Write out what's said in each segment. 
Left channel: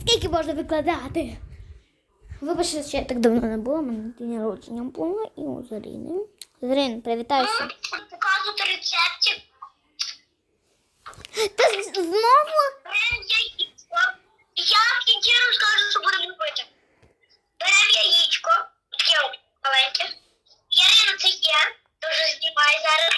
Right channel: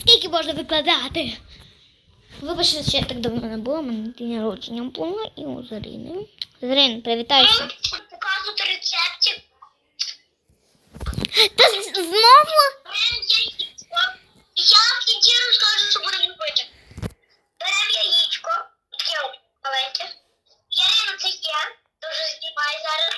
Скільки можна викладати? Вибачте, що я так давно не була, мене день народження було і у Зарини. Зарин, привітайся. Показувати рецептів. Та знову? Беремо яєчко. Я в кінці розкажу, що будемо робити. Беремо яєчко. Таке маленьке. Ярина це є. Дуже знімає зараз.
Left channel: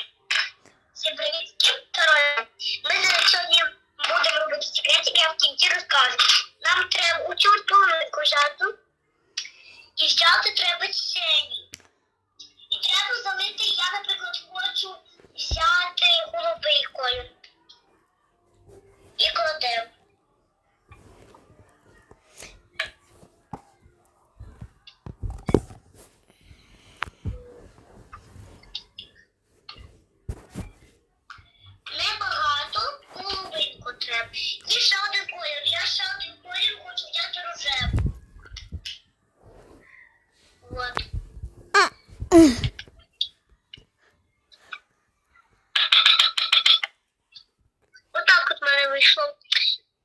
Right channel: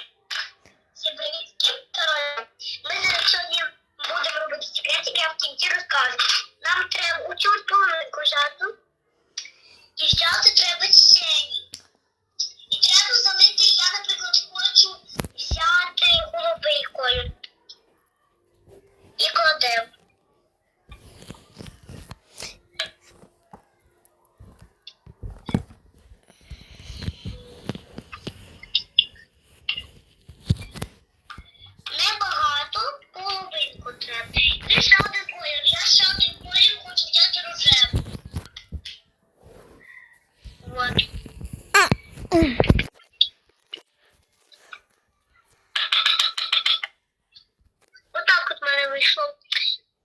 вийшло.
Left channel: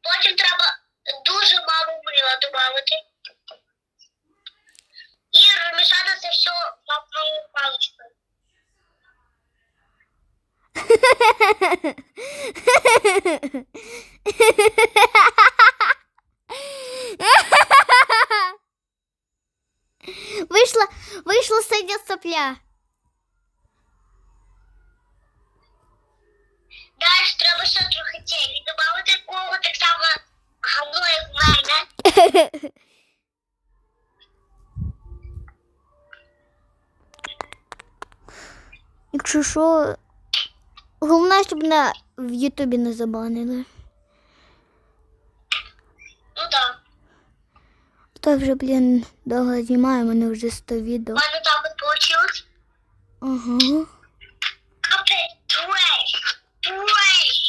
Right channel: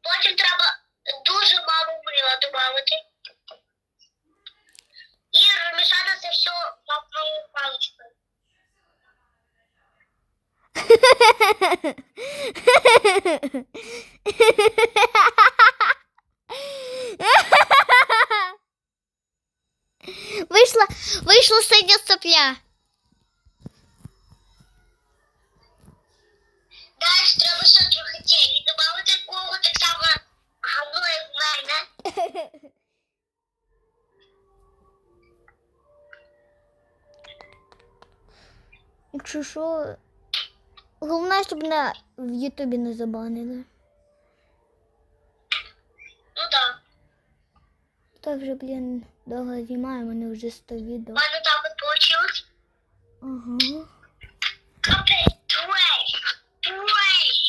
Потім треба дуже мало мила додати. І розмішати це все вафловою паличкою. Вийшла, вийшла синя сопля. Як в мене. Якщо що, головне, щоб на в Ютубі не забанили. Ну так. То вже, блін, довго знімаю, у мене вже 100 У відео. мене так от вийшло. Ага. Капець, треш, треш.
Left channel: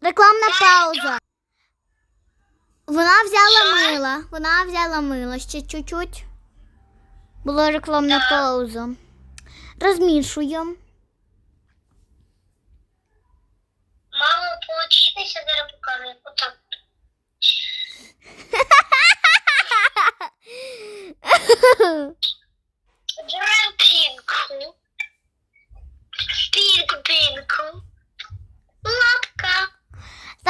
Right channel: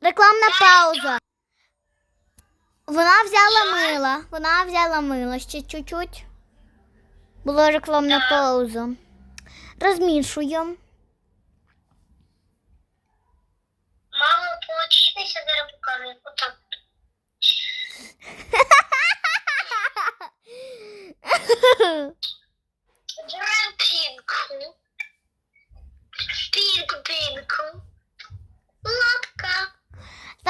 Рекламна пауза. Вона взяла мила. Вона взяла мило. Ще чуть-чуть. Була рекламна Так. пауза. Розмішуємо. Мало получитися, зараз покажу. Отак. Беремо пінку. Пінку-пінку. Лапка.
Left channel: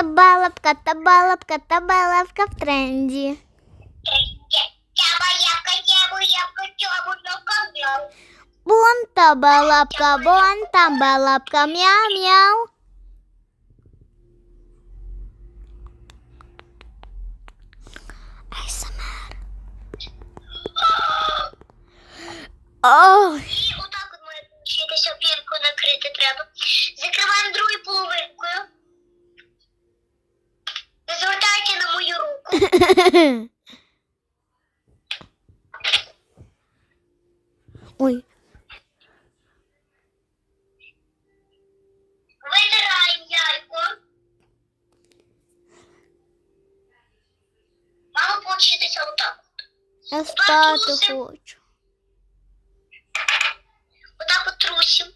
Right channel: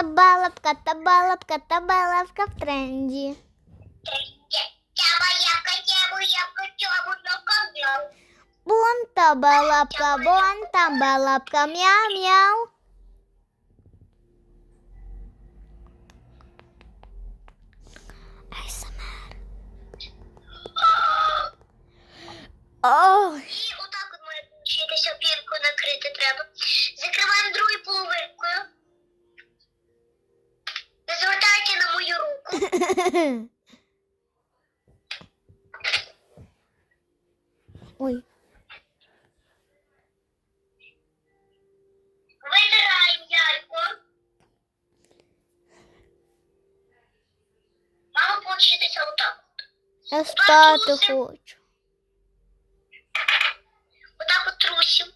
Табалапка, табалапка, табалапка в тренді. Тяба, ябка, тябу, ябка, тябу, ноком'яу. Бон табалапка, бон табалапка, мяу-мяу. ASMR. Ой. І отак от має получитися пінку накрити треба. Закриваємо другою половинкою. Не звертайте на мою руку. Ой. Витираємо яйко. Мало получитися отак. Я спати хочу. Отак от трусим.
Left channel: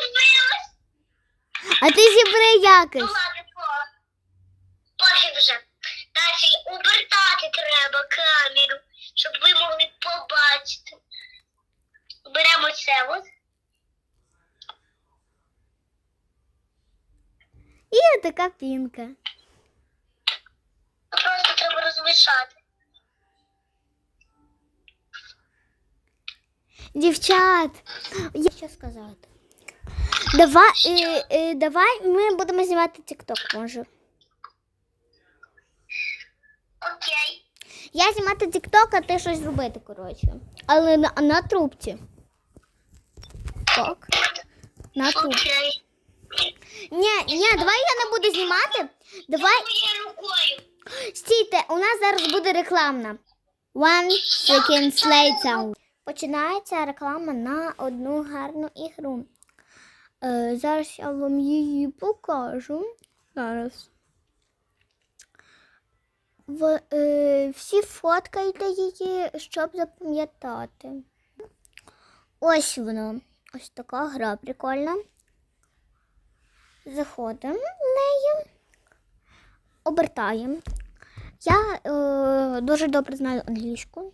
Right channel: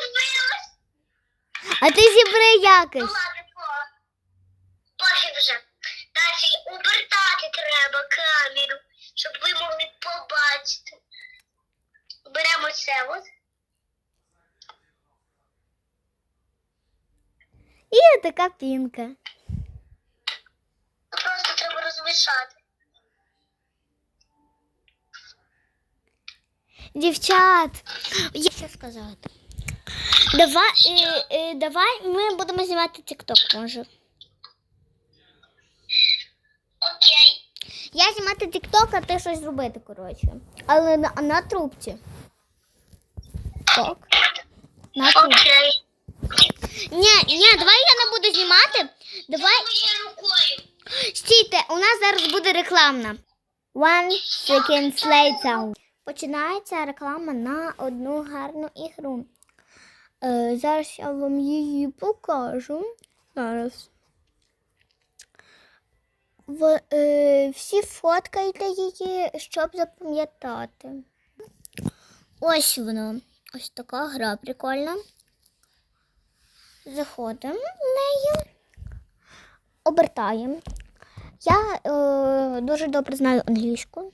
Розбилась. А ти зібри Ну якось. Пофіг вже. Далі обертати треба камеру, щоб ви могли побачити. Беремо це от. І така пінка. Розмішати. Дівчат, я що сказати. Давай, е, е, давай ми будемо знімати TikTok, може. Окей. Я знімати TikTok, а ти щось зробити, коротше. Але на, на трубці. Так. На трубці. Окей. Ні, ні, давай я не буду знімати. Давай. Моєю рукою. Стійте, у нас зараз буде рекламна. One second later. Починається реклама на одну гарну ігру. Е, зараз я вам її покажу. Зараз. В, е, всі фоткайте її, щоб запам'ятати. Ось воно. Ось така гра прикольна. Заходимо в неї, обертаємо. Я е, дуже добре знаю англійську.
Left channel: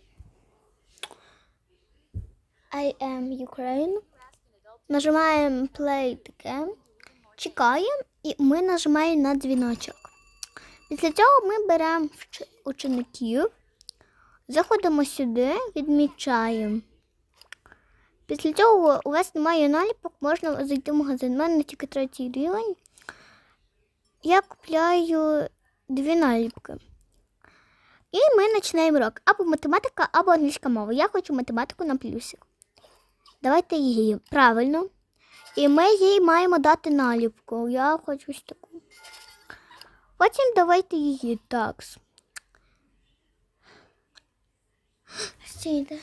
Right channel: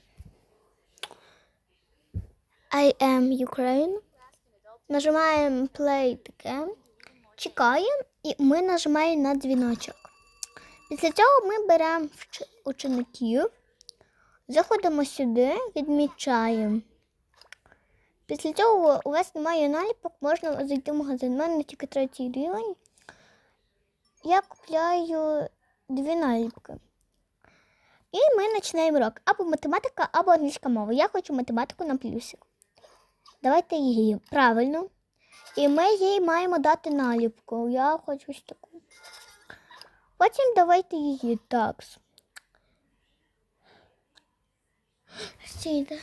I am Ukraine. Нажимаємо play таке, чекаємо і ми нажимаємо на дзвіночок. Після цього ми беремо учеників, заходимо сюди, відмічаємо. Після цього у вас немає наліпок, можна зайти в магазин. У мене тільки третій рівень. Я купляю дві наліпки. І ми починаємо урок. Або математика, або англійська мова. Я хочу математику на плюсик. Давайте її правильно. І ми їй маємо дати наліпку. Я хочу ось таку. Потім давайте її так. Стійте.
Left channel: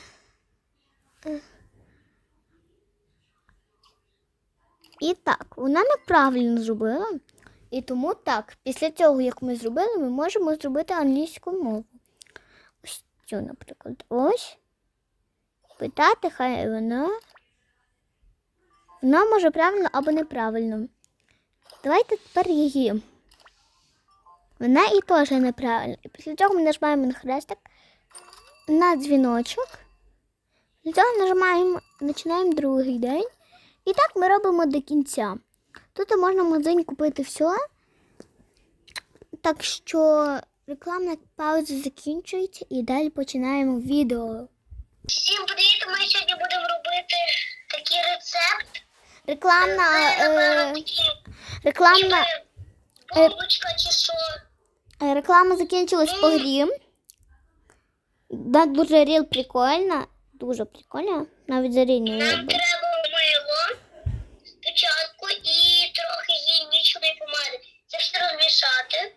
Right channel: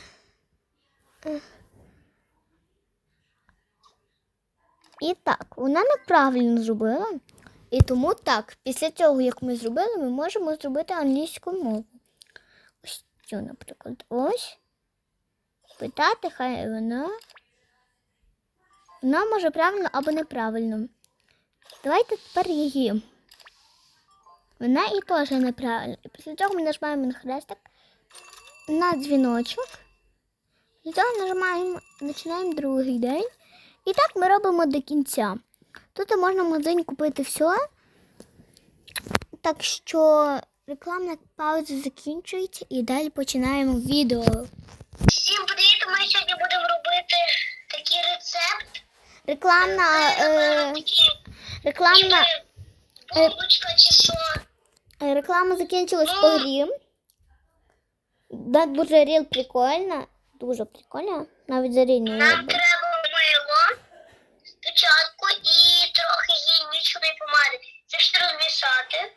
І так, вона неправильно зробила. І тому так, після цього, як ми зробили, ми можемо зробити англійську мову. Ось цю, наприклад, ось. Питати, хай вона. Вона може правильно або неправильно. Давайте тепер її. Вона і теж неправильно. І після цього ми нажимаємо на хрестик на дзвіночок. Після цього нажимаємо, починаємо другий день. І так ми робимо до кінця. Тут можна в магазині купити все. Так що рекламна пауза закінчується і далі починаємо відео. Всім привіт! Ми сьогодні будемо робити такий рецепт. Рекламна, е, рекламна, е, що? е, реклама закінчилась по грі. Да, дуже ріл прикольна. Дуже прикольно. Навіть за ріл Нам треба мило спочатку і помади. Розмішати.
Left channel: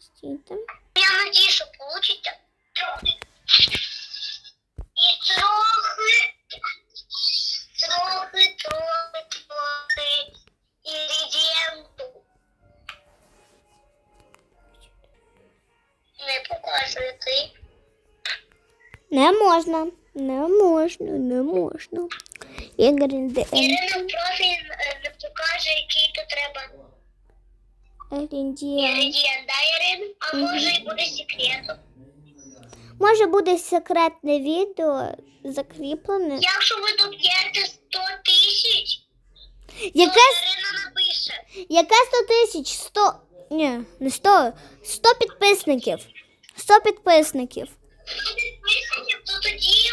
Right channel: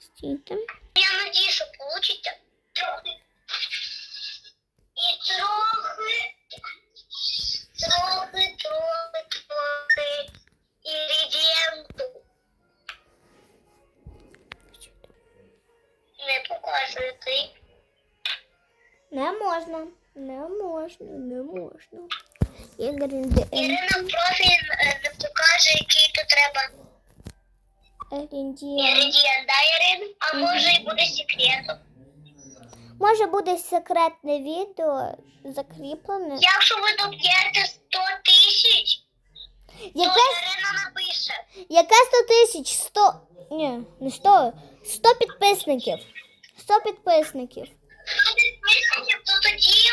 Стійте. Я надію, що вийде. Трохи. І трохи. Трохи, трохи, трохи інгредієнту. Не показувати. Не можна. Не можна, не можна. Інгредієнти. Ірина профіль не покаже, який то треба інгредієнт, да, Ірин? А може і буде секретом. Може буде секретне відео закріплене. Якщо ви доб'єте 100 тисяч, то Ірина напише. яке 100 тисяч? 100... Ні, не 100. 100 підписників. 100 підписників. Хто підписаний, то тоді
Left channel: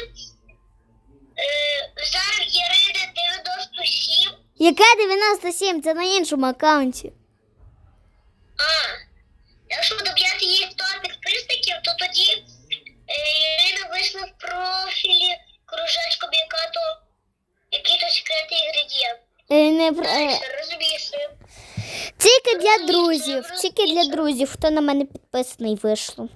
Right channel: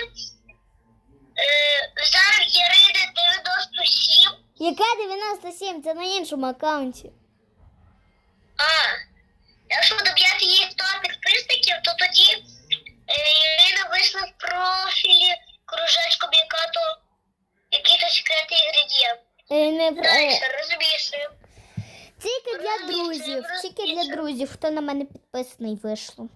е, зараз Ірини 97. Яке 97? Це на іншому аккаунті. А, якщо доб'єте їй 100 підписників, то тоді е, Ірина вийшла в профілі кружечком, яка то який то секретний інгредієнт. Е, Не, про- е, розумієш. тільки для друзів. Тільки для друзів, хто на мене підписаний вийшло.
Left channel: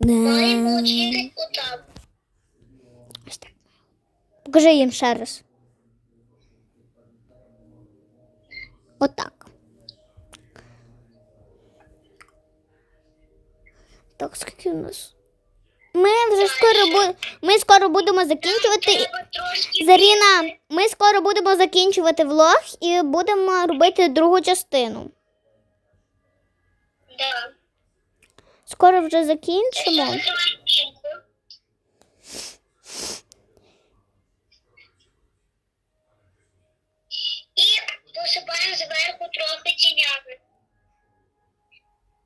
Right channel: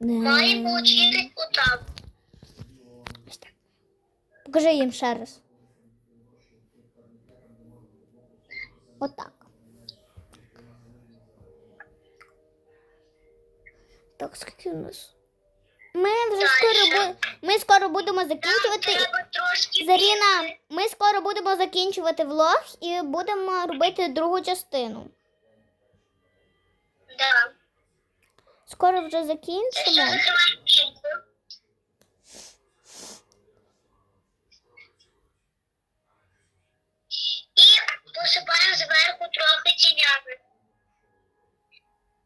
Має Не. получитись отак. Покажи їм ще раз. Отак. Так, скільки у нас? Ми вже скоро бу... ми скоро будемо закінчувати. Заріна, ми скоро будемо закінчувати влог і будемо робити другу частину. Да. Скоро вже закінчимо. І посипаємо зверху трохи тінями.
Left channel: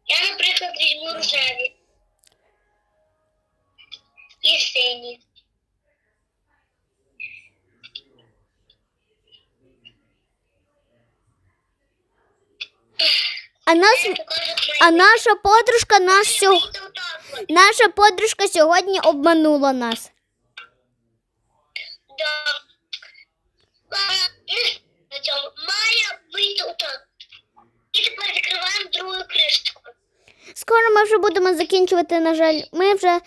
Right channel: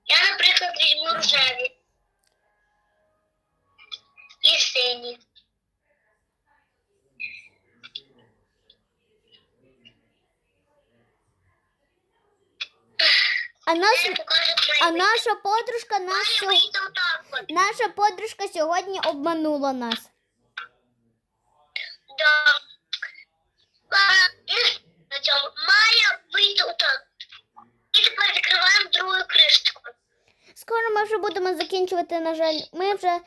Я, наприклад, візьму рожеві. І сині. А нас, а наша подружка нас сьо... Вийде отак от. наша подружка сьогодні обманула нас. Да. І має вийти отак. І тепер закриваємо другу кришечку. Скоро ми вже будемо закінчувати, на жаль. Ми вже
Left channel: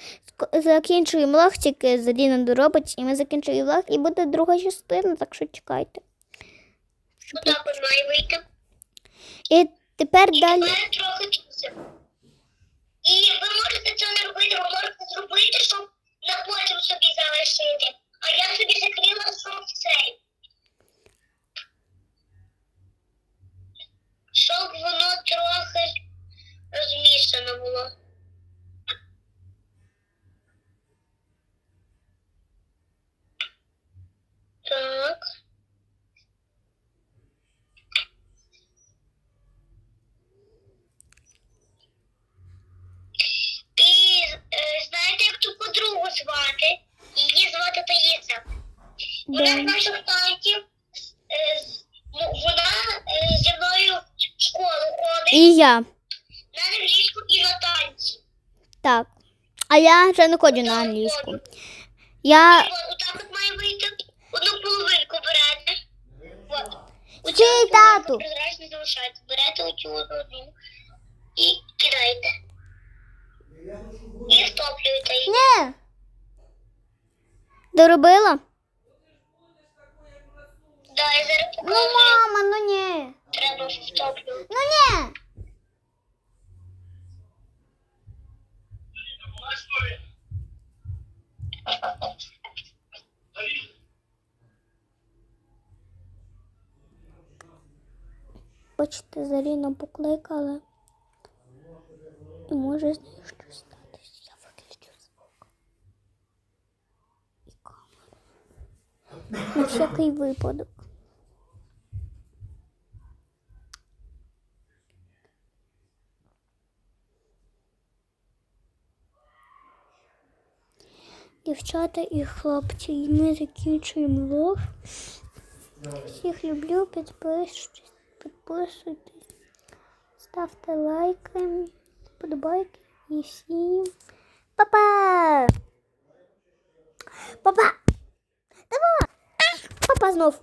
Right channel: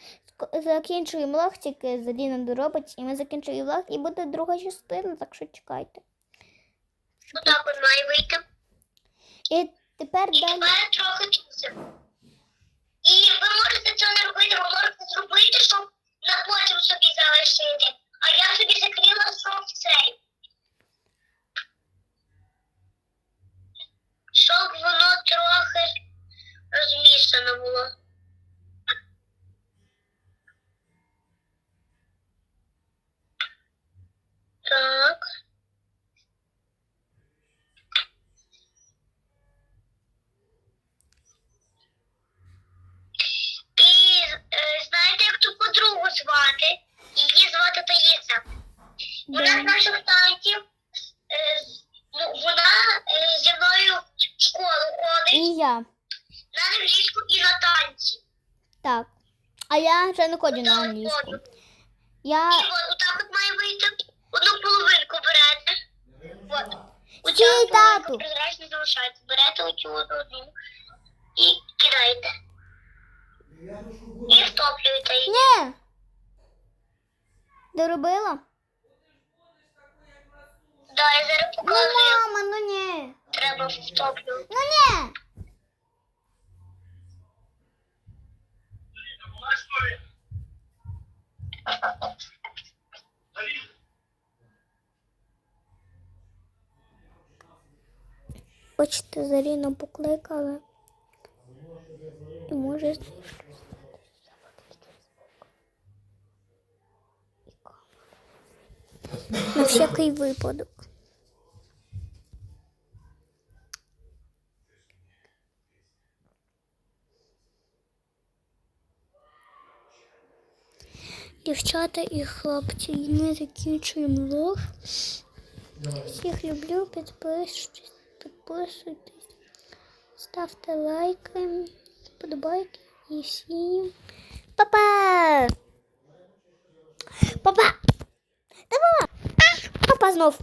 закінчуємо влог, тільки Заліна доробить, і ми закінчуємо влог, і буде друга частина, так що чекайте. Отак от має вийти. І тепер І далі. тепер трохи часу. І ви можете це не робити, ви можете зробити, щоб на потім собі залишити. А я собі закрила софт цей. Щоб воно трохи розмішано було. Так. І е, знаєте, як ту подругу звати? Її звати Таїса. Вона з наших танців. Е, ну, вона е, зі мною в школу ходить І я. на англійську і на танці. Так. А я вже не ходжу на англійську. Я. І от, отак от має вийти. Одну половинку берете. От. Половинка тату. прозрачно залишається. Берете оцю одну і кидаєте. І втоплюєте її. Ні. Доробила? Да, я зараз Ну, покажу, мама, ну ні. треба втоплювати. Ну ні. Бачите, Заріна покликала. І може з нею щось статися. Я виключу звук. І камеру. На всякий випадок. Дівчата і хлопці, і ми закінчуємо влог. Всіх люблю, підписуйтесь, підписуйтесь, ставте лайки, подобайки і всім. Па-па! Па-па! Па-па! Па-па знов!